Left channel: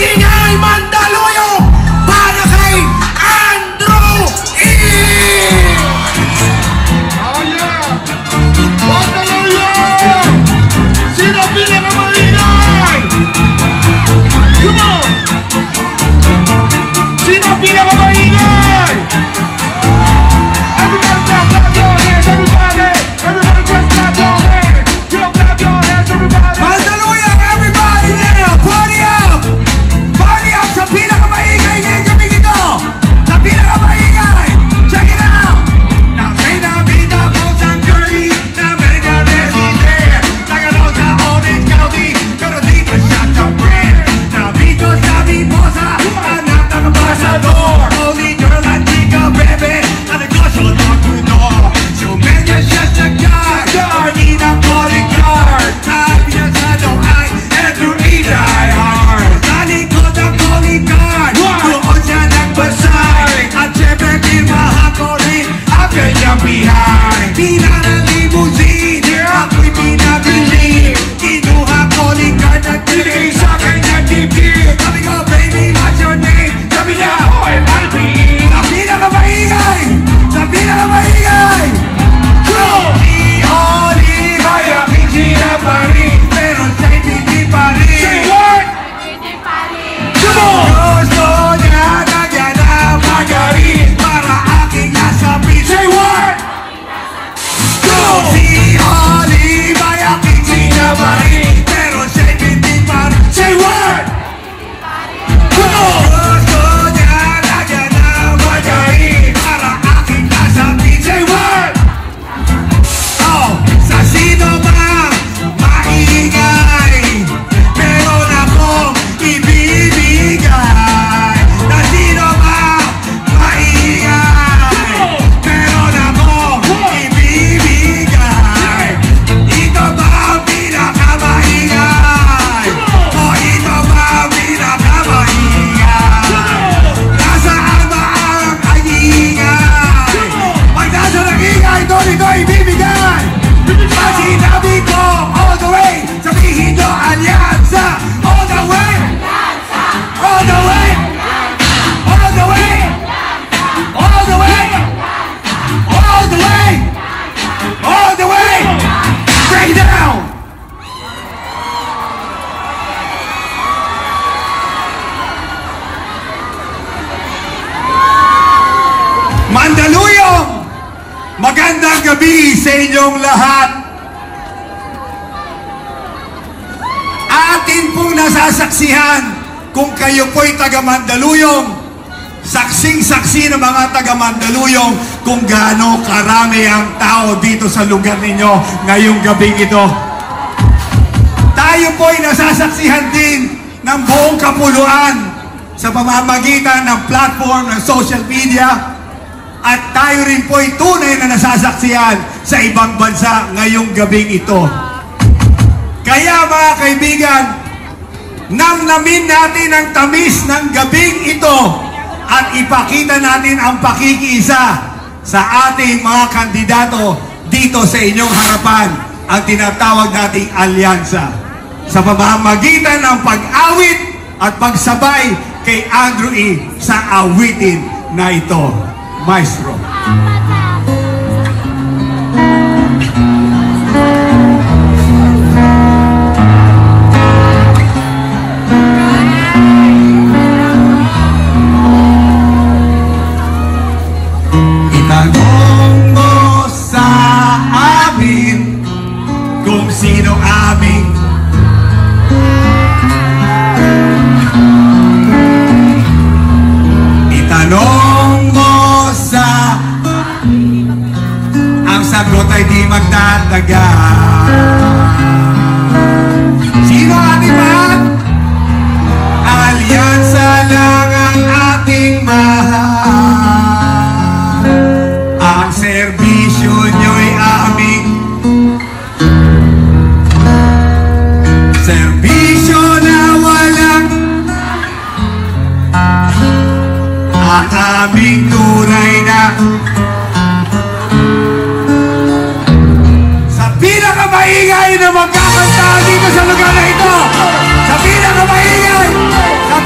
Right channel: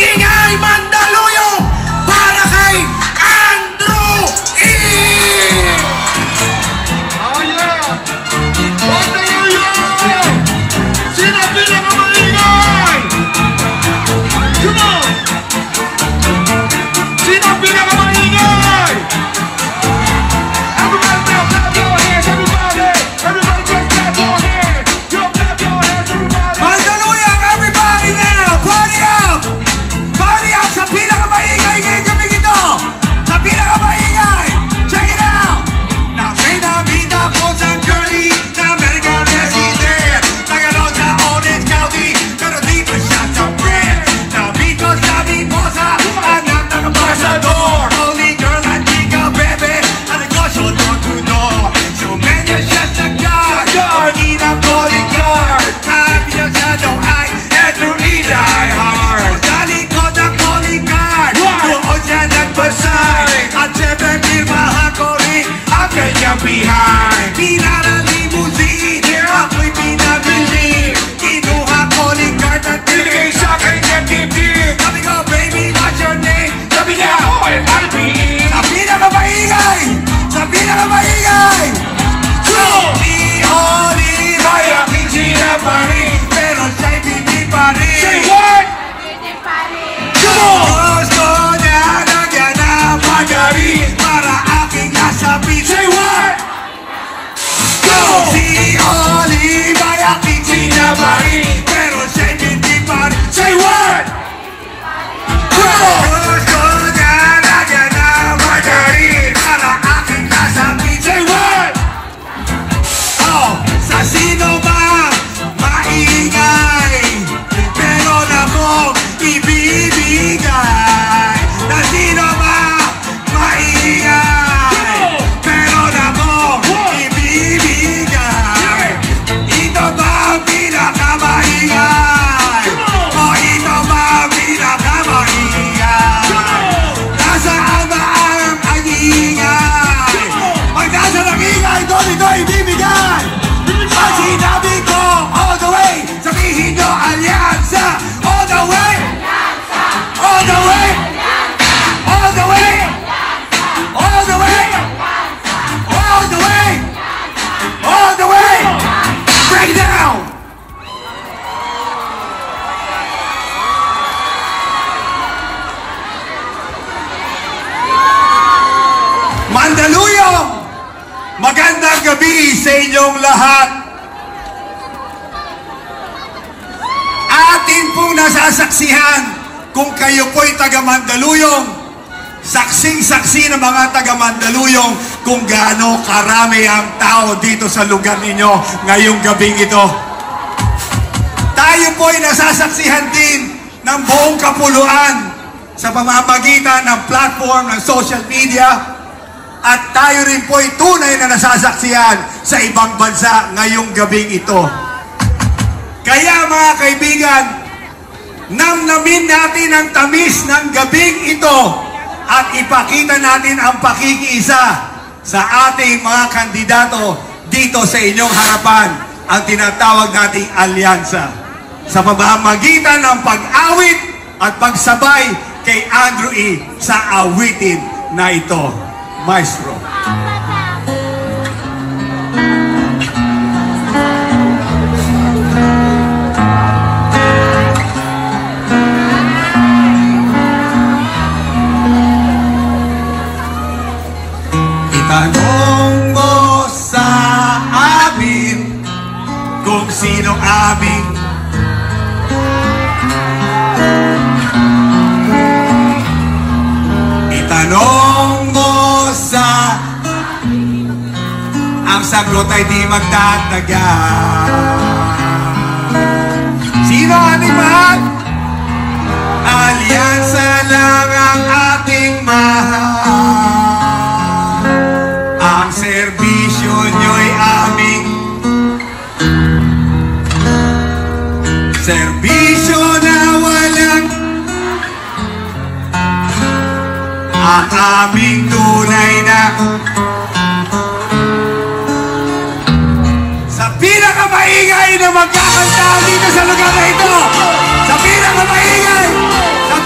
Mag-ingay Mandaluyong para kay Andrew E! Oh yeah! Mandaluyong! Sino pinakamaingay? Come on! Sino pinakamaingay? Everybody clap your hands, everybody! Everybody clap your hands! Clap your hands, everybody! Mandaluyong, everybody now! Party up! Party up sa pinakamaingay ngayong gabi ito! Sa pinakamaingay! Check it out! Say na vida po sa curly, na America resident. Nagano sa Orange County, pero dito siya sa Brent. Nabito sa Biposa, anak ng ambasador. Only girl at chica bebe, na negosyo door to door. Sumenya siya sa car, hindi na calling card. Happy na siya daw ay Andrew E. Die Hard. Sa likod ang calling card, doon siya nagbasay. At syempre pirmahan ko rin ang kanyang behind. Pinarang limousine, ako'y pinabili. Kinuha calling card at Bigay sa akin ng tip-tip! sabi ko, baby, what's your name? Sabi niya, OMLPE! sa pinakamaingay! Sa pinakamaingay! Si Oliva, yung Gina Marie, pero siya'y hindi pa rin. Say what? Come on! Gusto niya nagyan na magarin para aking nasabi. Say what? Go! Si Oliva, yung Gina Marie, pero siya'y hindi pa rin. Say what? Gusto niya nagyan na magarin para aking nasabi. Say what? Oh, sa sino ba maingay? Meron akong ibibigay. Na sino ba maingay? Meron akong ibibigay. Ito ba ang pinakamaingay? O ito ba ang pinakamaingay? Nasaan ba ang ingay? Pag nasa nag-ingay, doon ito ibibigay. Pag sinabi ko all the way, sabihin nyo alyansa. All the way, all the way, all the way, all the way, all the way, all the way. Stay down. Mandaluyong, magandang gabi sa inyong lahat. Atin pong nasasaksihan kung kayo po'y taga Mandaluyong. Saksing-saksi ng mga taga Mandaluyong kung gaano karami ang tao dito sa lugar ninyo ngayong gabing ito. Tayo po'y nasasaksihan din ng buong kapuluan sa pamamagitan ng platform ng social media. At tayo rin po'y tunay na nasasaksihan sa ibang bansa ngayong gabing ito. Kaya mga kaibigan, namnamin natin ang tamis ng gabing ito at ipakita natin ang pakikiisa sa ating mga kandidato dito sa inyong harapan, ang tinatawag nating alyansa. Sa pamamagitan ng pag-awit at pagsabay kay Andrew E. sa awitin na ito. Maestro. Itanong mo sa amin kung sino aming itanong mo sa ang sagot ay di magtatagal. Sino ating mahal? Alyansa lang ang ating mahal. Ang serbisyo nyo'y aming serbisyo na walang ang aming tunay na sa pinakamaingay na magkakanta dito sa lugar na ito. Sa pinakamaingay, sa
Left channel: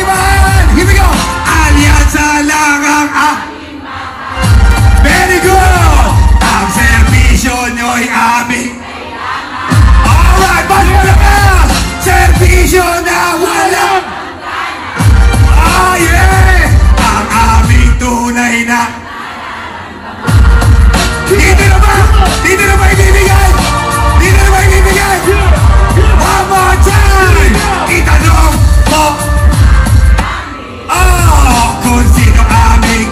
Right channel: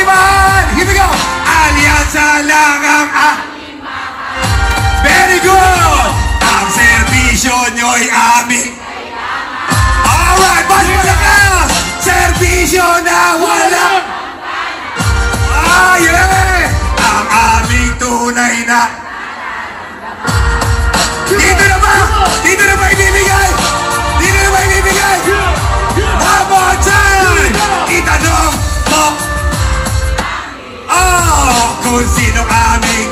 aking mahal. Here we go. Alyansa lang ang very good. Ang serbisyo nyo'y aming. Alright, mas malakas. Serbisyo na walang. Yeah. Ang aming tunay na. Dito na ba? Dito na ba ibibigay? Dito na ba ibibigay? One more time! Itanong mo. Kung sino aming.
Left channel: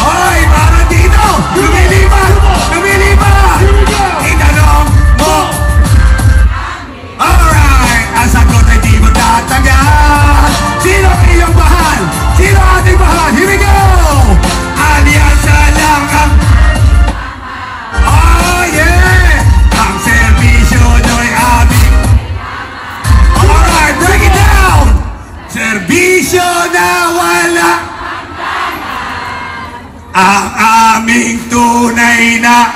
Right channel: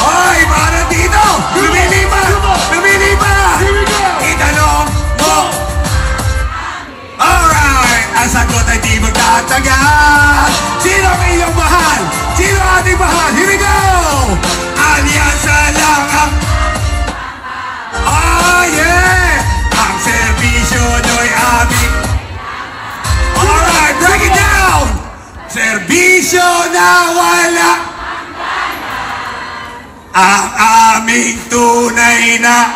Oy, parang dito. Lumilipat. Lumilipat. Itanong mo. Alright. Ang sagot ay di mo tatagal. Sino ang iyong mahal? Sino ang ating mahal? Here we go. Alyansa lang ang. Yeah! Ang serbisyo nyo'y aming. Alright, break it down! Serbisyo na wala. Ang aming tunay na.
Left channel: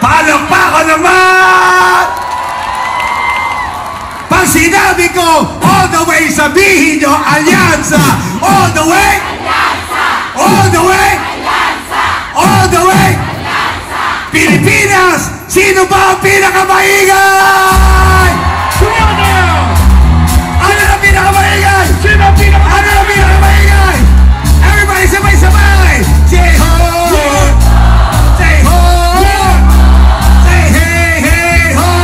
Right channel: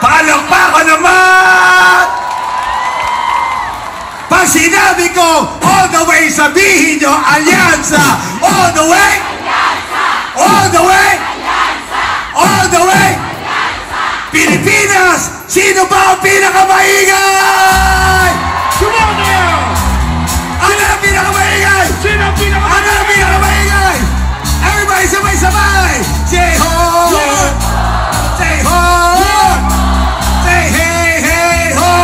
Palakpakan naman! Pag sinabi ko, all the way, sabihin nyo, alyansa! All the way! All the way! All the way! Pilipinas! Sino ba ang pinakamaingay? Ano ang pinakamaingay? Sino ang pinakamaingay? Ano ang pinakamaingay? Everybody, sabay-sabay! Say ho! Say ho! Say hey, hey, ho!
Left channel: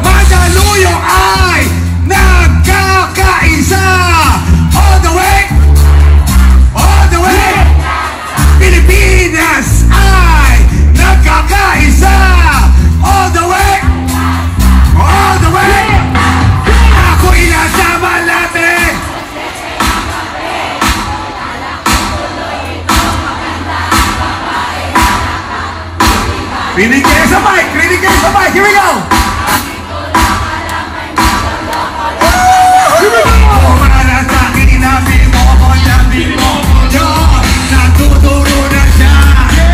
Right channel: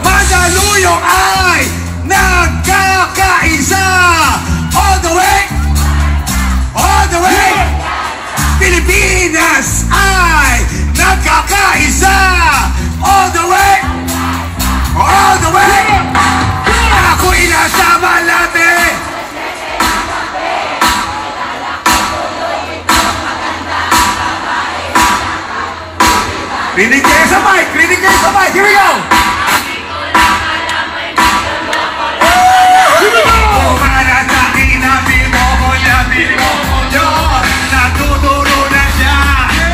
Mandaluyong ay nagkakaisa! All the way! All the way! Pilipinas ay nagkakaisa! All the way! All the way! Ako inasama natin! Klinik kayo sabay! Klinik kayo sabay! Here we go! Natuturo na siya.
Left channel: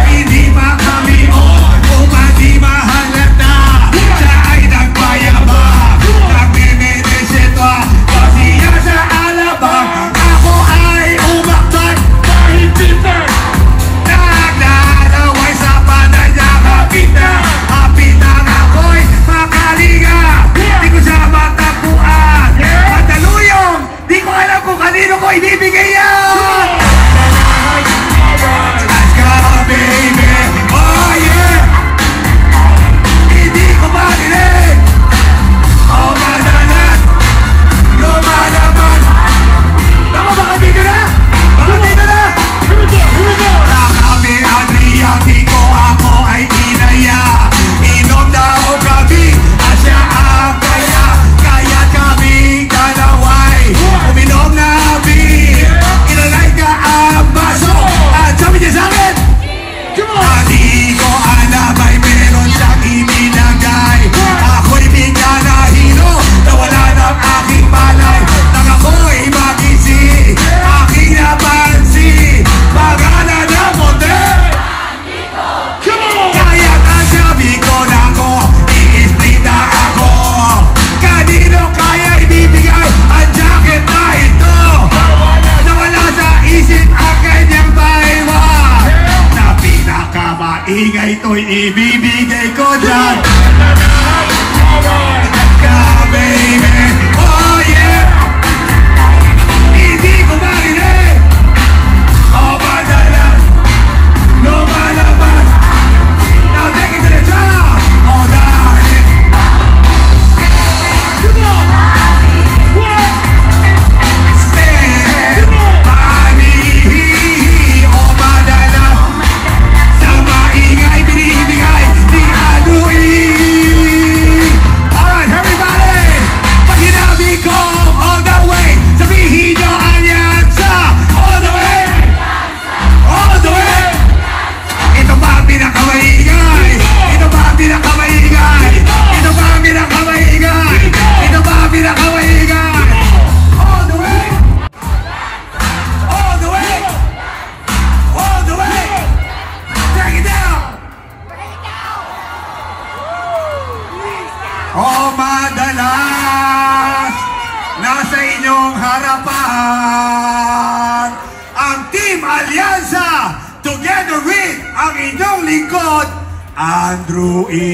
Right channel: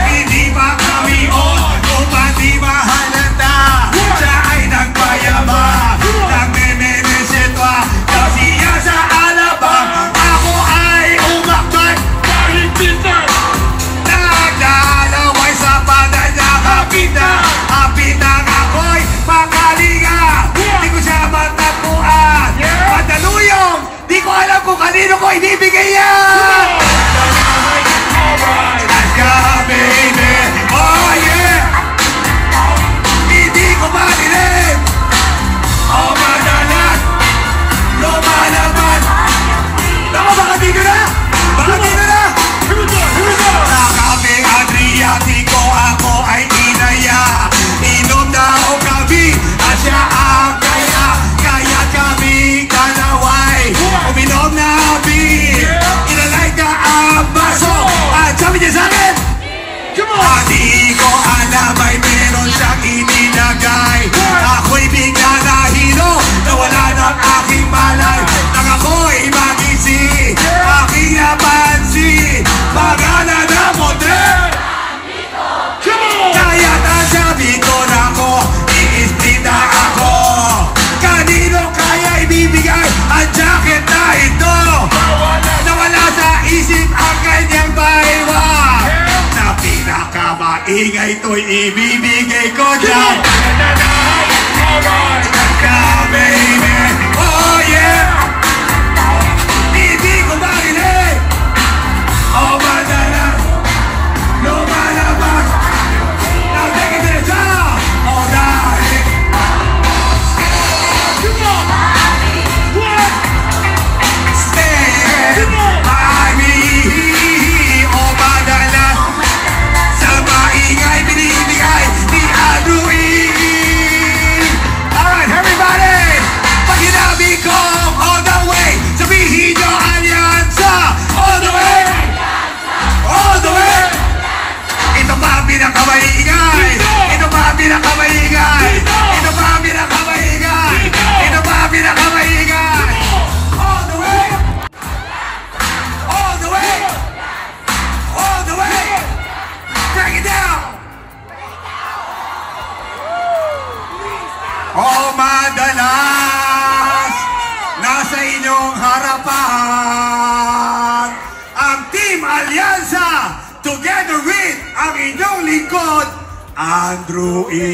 Hindi pa kami on. Umati mahalata. Siya ay nagpayabang. Nagmemeresitwa. Kasiya sa alabang. Ako ay umakbat. Naglalaway sa panan niya. Kapitan ako'y makalinga. Di ko siya matagpuan. Mandaluyong. Di ko alam kung kanino ko ibibigay yan. Let's go, baby. Oh, yeah. Hindi ko marinig. Oh, madalat. Lumalaban. Dapat dito na. Dapat dito na. Sa kami Adriatico, ako ay inaya. Inom na o gabi. At siya ang kaya. Kaya't kami dalaway. Uminom na beer. Inalay ka ang baso. At sabi niya sa akin, di ko alam ay meron siyang inilagay. Ako'y bigla na hilo. Nawala ng aking palay. Nang ako'y magising. Aking napansin. Pagala na motel. Kaya't ang sabi ko na ako, iispita ako. Kanino kaya ibibigay ang jacket na ito? Nawala sa isip ang kanyang baywan. Sa pinakamaingay to'y ibibigay ko dyan. Baby, oh yeah. Hindi ko marinig. Oh, madalas. Lumalaban. Now take it to the top. Oh, darling. Stand by me. Oh, madalas. Sa maingay binibigay ni Aduin. O madalas, nasa inyong harapan, ang Team Alyansa, together with ang inyong lingkod, Andrew E.